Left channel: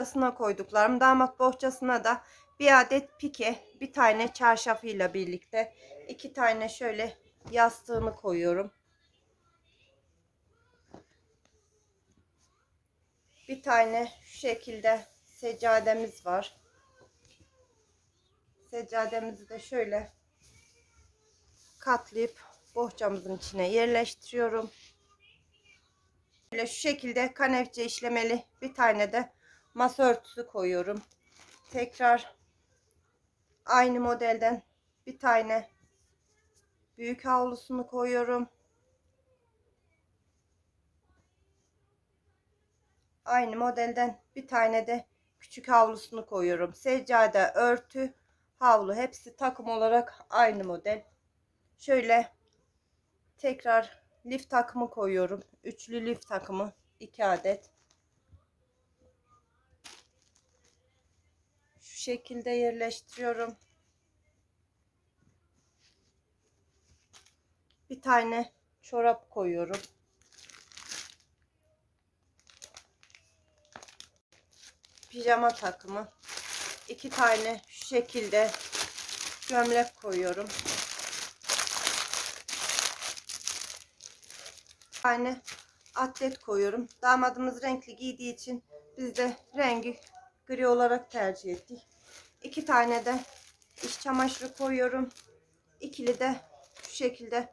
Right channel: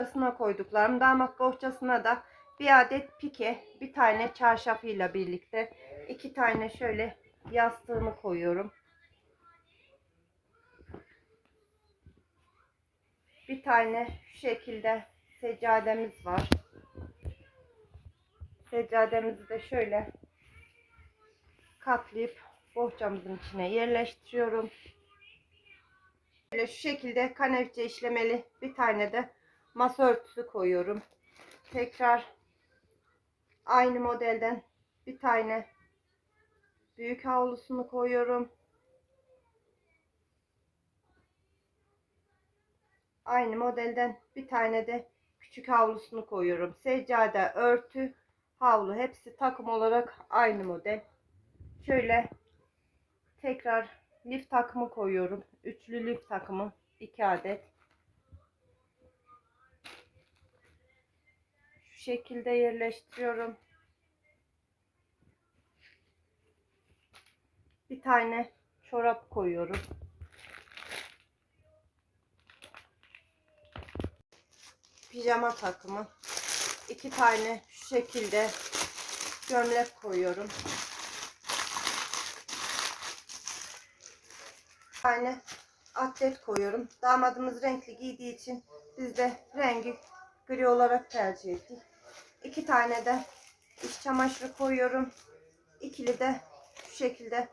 bohçasına koyduklarım. Damat bohçasına da bir adet pike, bir tane çarşafıyla birlikte iki tane şöyle yastığını koyuyorum. Bir tane şu şekilde seccademiz var. Seccademizi de şöyle katlayıp bohçamızın içine yerleştiriyorum. Böyle şu şekilde kanevçe işlemeli bir tane de masa örtüsü koyuyorum. Tekrar aynı modelden bir tane büyük havlusunu koyuyorum. Aynı modelden bir tane de küçük havlusunu koyuyorum. Seccade, örtü, havlu hepsi takım olarak aynı model. Şöyle tekrar lif takımı koyuyorum. Üçlü lif takımı 2 adet. Şekilde yerleştiriyorum. Bir tane çorap koyuyorum. Pijama takımı. iki tane şu şekilde gömlek koyuyorum. Bir tane atlet koyuyorum. Damadımız renkli giydiği için biz de rengi gri olarak tercih ettik. İki tane de iç çamaşırı koyuyorum. İkili de şu şekilde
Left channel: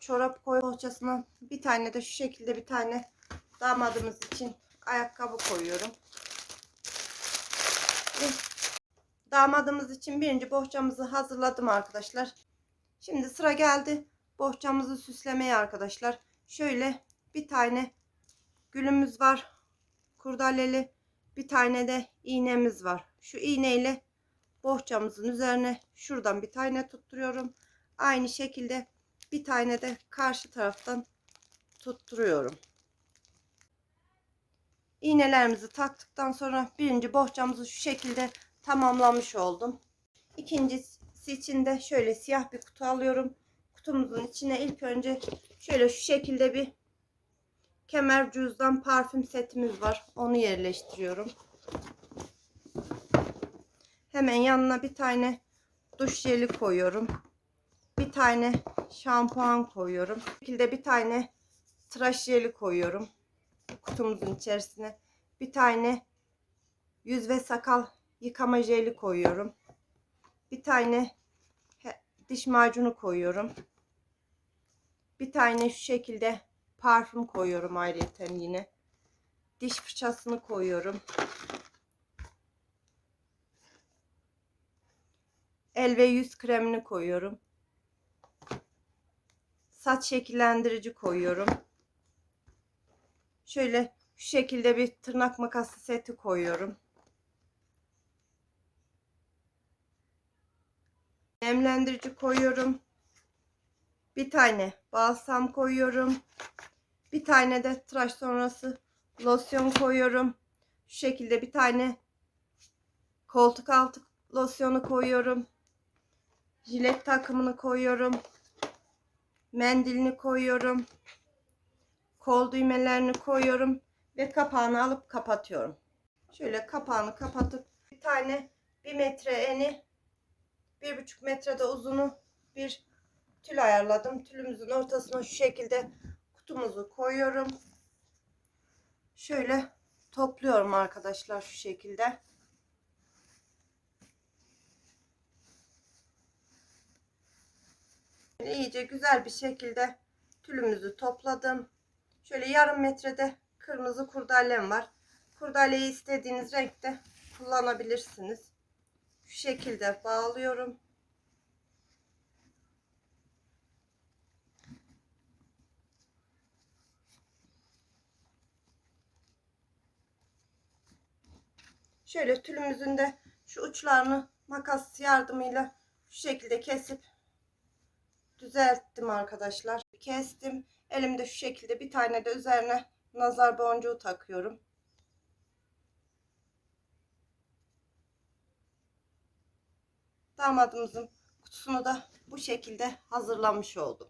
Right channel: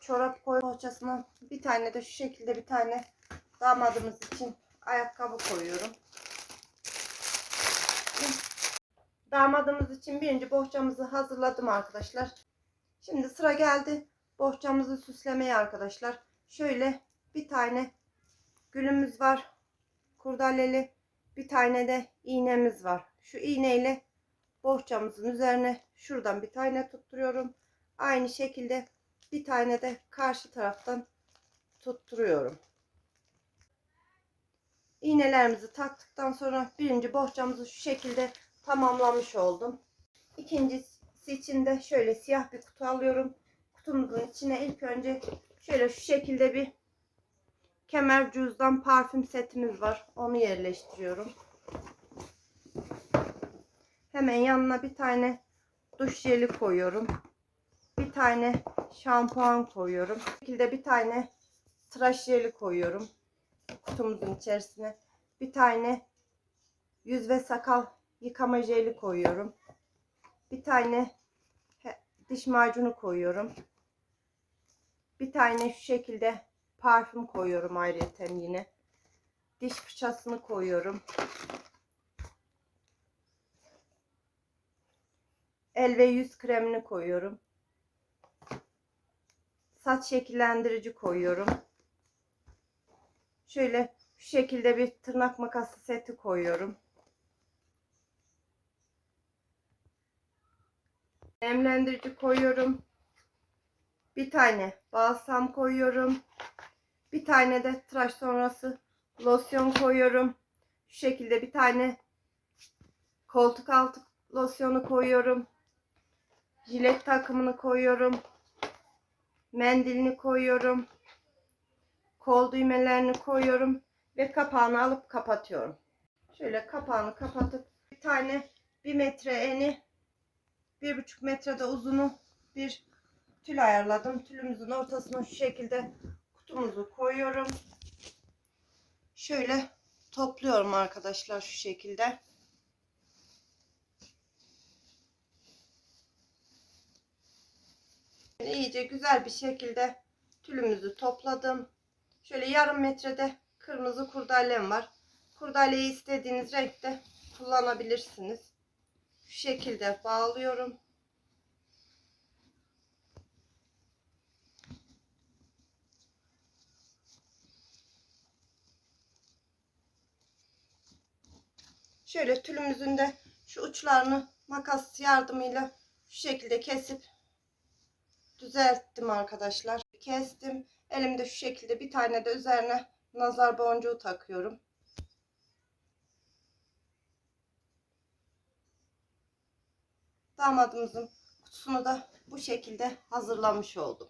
çorap koy bohçasına bir tane de şu şekilde bir tane damadımız için ayakkabı koyuyorum. Damadımız için birinci bohçamızı hazırladım arkadaşlar. Şimdi sıra geldi bohçamızı süslemeye arkadaşlar. Şöyle bir tane gülümüz var. Kurdaleli bir tane de iğnemiz var. Şu iğneyle bohçamızın üzerine şuradan bir tane tutturuyorum. Aynı şekilde bir tane de karşı taraftan tutturuyorum. İğnelerimizi taktıktan sonra birinci bohçamızı şu şekilde tamamlamış oldum. İkincisi için de şöyle siyah bir kutu alıyorum. Kutumuzun içine ilk önce şöyle şu şekilde bir kemer cüzdan parfüm setimiz var. Onu yerleştiriyorum. Hemen yanına bir tane duş jeli koyuyorum. Bir tane şampuan koyuyorum. Bu şekilde bir tane tıraş jeli koyuyorum. Kutumuzun içerisine. Bir tane yüz ve sakal yıkama jeli koyuyorum. Bir tane diş macunu koyuyorum. Bir tane şu şekilde parfüm koyuyorum ayrıca yine. Diş fırçasını koyuyorum. El ve yüz kremini koyuyorum. Saç şekillendirici koyuyorum. Şöyle şu şekilde bir tırnak makası seti koyuyorum. Nemlendirici koyuyorum. Bir tane balsam koyuyorum. Bir tane de tıraş sonrası losyon koyuyorum. Şu şekilde bir tane koltuk altı losyonu koyuyorum. Jilet takımını koyuyorum. Mendilini koyuyorum. Kol düğmelerini koyuyorum ve kapağını alıp kapatıyorum. Şöyle kapağını kapatıp bir tane bir metre eni bir buçuk metrede uzunu bir tül ayarladım. Tülümüzün ortasına şu şekilde kutumuzu koyuyorum. Şöyle topluyorum arkadaşlar şu şekilde. İyice güzel bir şekilde tülümüzü topladım. Şöyle yarım metrede kırmızı kurdalem var. Kurdaleyi istediğiniz renkte kullanabilirsiniz. Şu şekilde bağlıyorum. Şöyle tülümüzün de şu uçlarını makas yardımıyla şu şekilde kesip düzelttim arkadaşlar. Kestim. Elimde şu şekilde bir tane de üzerine nazar boncuğu takıyorum. Damadımızın kutusunu da bu şekilde hazırlamış oldum.